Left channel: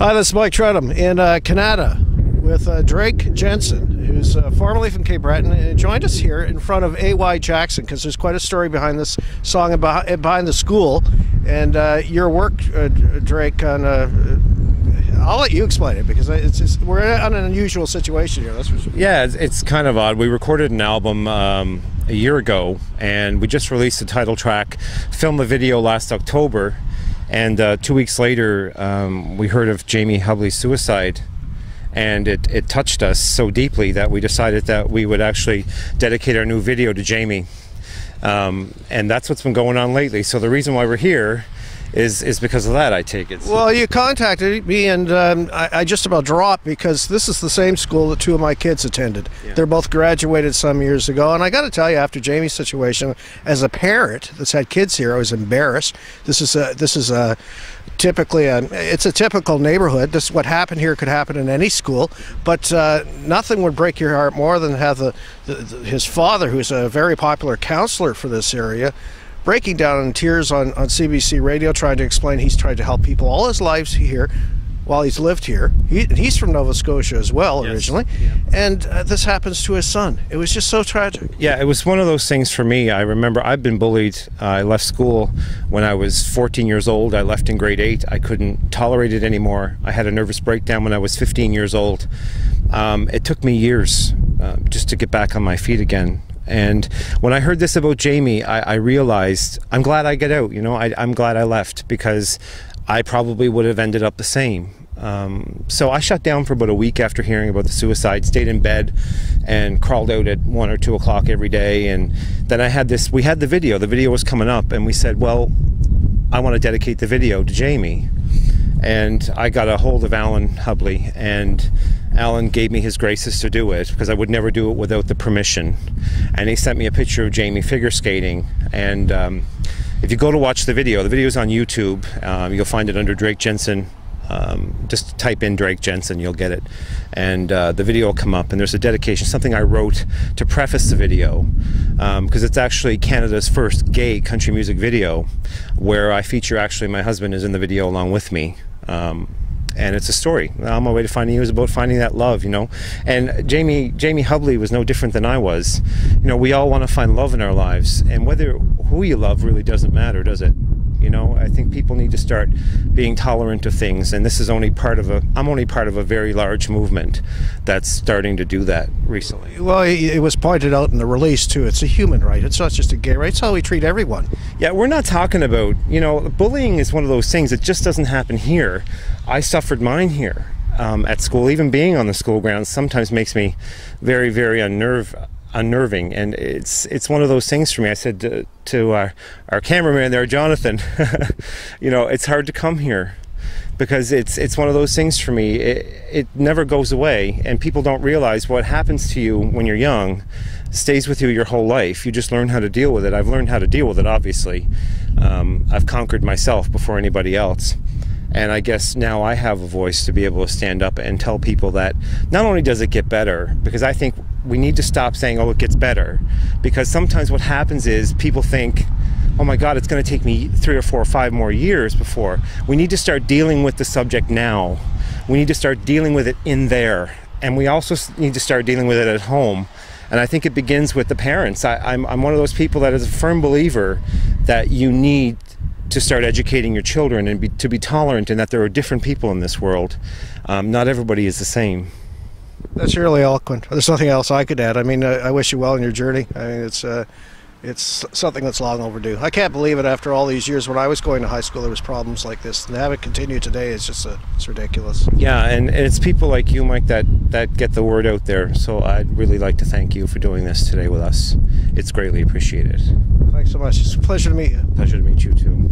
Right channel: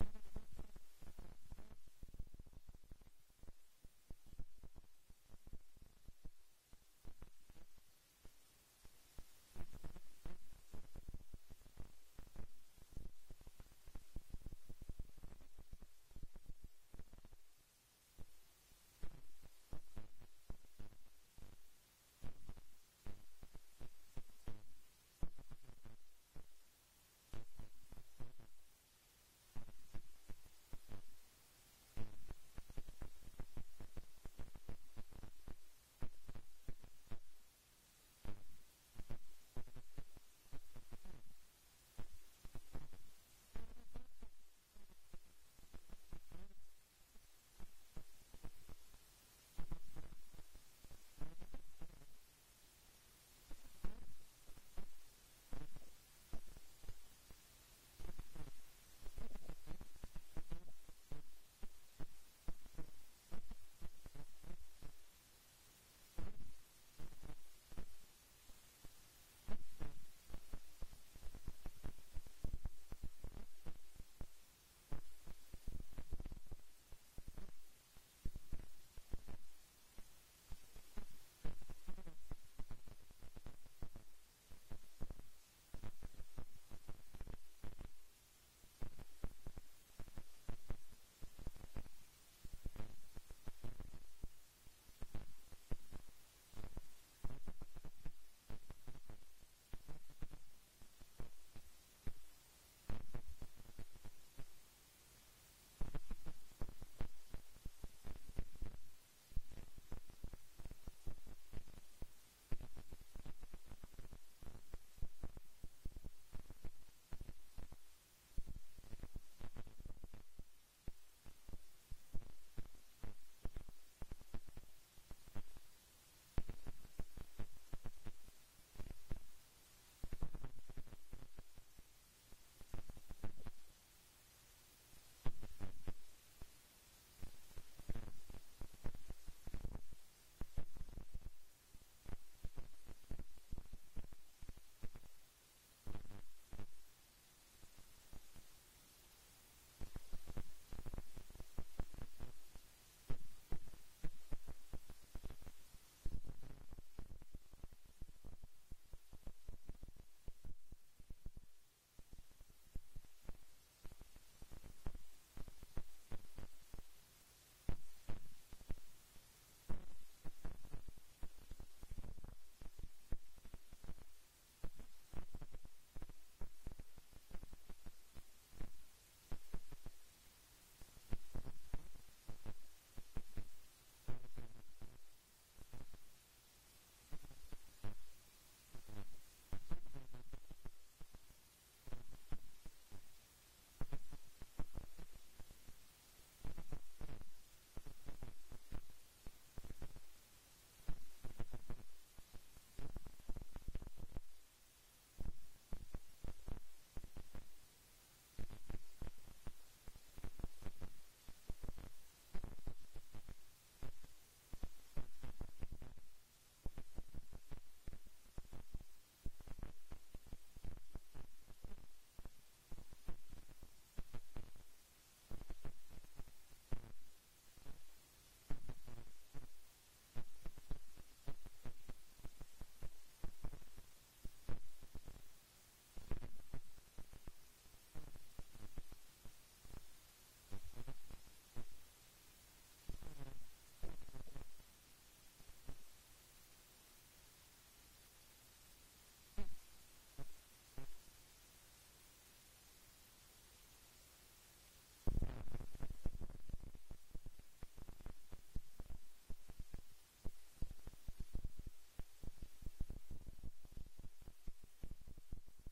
Hi, this is Mike Trenholm in Kanata with Drake Jensen, who's formerly from Cape Breton, and joined us here in front of A.Y. Jackson because there's quite a story behind this song and behind the school. And your work, Drake, on I'll let you explain it because we're in an unusual situation here. That's for sure. Yeah, it's kind of odd. We recorded an album a year ago, and we just released the title track, filmed the video last October. And 2 weeks later, we heard of Jamie Hubley's suicide, and it touched us so deeply that we decided that we would actually dedicate our new video to Jamie. And that's what's been going on lately. So the reason why we're here is because of that, I take it. Well, you contacted me, and I just about dropped because this is the same school that two of my kids attended. Yeah. They're both graduated some years ago, and I got to tell you, after Jamie's situation, as a parent that's had kids here, I was embarrassed. This is typically it's a typical neighborhood. This what happened here could happen in any school, but nothing would break your heart more than have his father, who's a very popular counselor for this area, breaking down in tears on CBC radio, trying to explain he's tried to help people all his lives here while he's lived here. He's from Nova Scotia as well, yes, originally. Yeah. And this happens to his son. It was just so tragic. Yeah, it was one of those things for me. I remember I've been bullied. I left school when I was 14 years old. I left in grade 8. I couldn't tolerate it anymore. I had a nervous breakdown when I was 15 years old. It took me years just to get back on my feet again. And when I heard this about Jamie, I realized I'm glad I get out. You know, I'm glad I left because I probably would have ended up the same. So I shut down for about a week after hearing about the suicide, stayed in bed and crawled out at 1 or 2 o'clock every day. And then we had the video was coming up, and we said, well, I want to dedicate the video to Jamie. And I got a hold of Alan Hubley, and Alan gave me his graces to do it because I would never do it without the permission. And he sent me a picture of Jamie figure skating. And if you go to watch the video's on YouTube. You'll find it under Drake Jensen. Just type in Drake Jensen, you'll get it. And the video will come up, and there's a dedication, something I wrote to preface the video, because it's actually Canada's first gay country music video, where I feature actually my husband is in the video along with me. And it's a story. On my way to finding you is about finding that love, you know. And Jamie Hubley was no different than I was. You know, we all want to find love in our lives, and who you love really doesn't matter, does it? You know, I think people need to start being tolerant of things, and this is I'm only part of a very large movement that's starting to do that recently. Well, it was pointed out in the release too. It's a human right. It's not just a gay right. It's how we treat everyone. Yeah, we're not talking about, you know, bullying is one of those things that just doesn't happen here. I suffered mine here at school. Even being on the school grounds sometimes makes me very, very unnerving, and it's one of those things for me. I said to our cameraman there, Jonathan, you know, it's hard to come here because it's one of those things for me. It never goes away, and people don't realize what happens to you when you're young stays with you your whole life. You just learn how to deal with it. I've learned how to deal with it, obviously. I've conquered myself before anybody else. And I guess now I have a voice to be able to stand up and tell people that not only does it get better, because I think we need to stop saying, oh, it gets better. Because sometimes what happens is people think, oh my God, it's going to take me 3 or 4 or 5 more years before. We need to start dealing with the subject now. We need to start dealing with it in there. And we also need to start dealing with it at home. And I think it begins with the parents. I'm one of those people that is a firm believer that you need to start educating your children and to be tolerant, and that there are different people in this world. Not everybody is the same. That's really eloquent. There's nothing else I could add. I mean, I wish you well in your journey. I mean, it's something that's long overdue. I can't believe it after all these years. When I was going to high school, there was problems like this. And to have it continue today is just it's ridiculous. Yeah, and it's people like you, Mike, that get the word out there. So I'd really like to thank you for doing this today with us. It's greatly appreciated. Thanks so much. It's a pleasure to meet you. Pleasure to meet you too.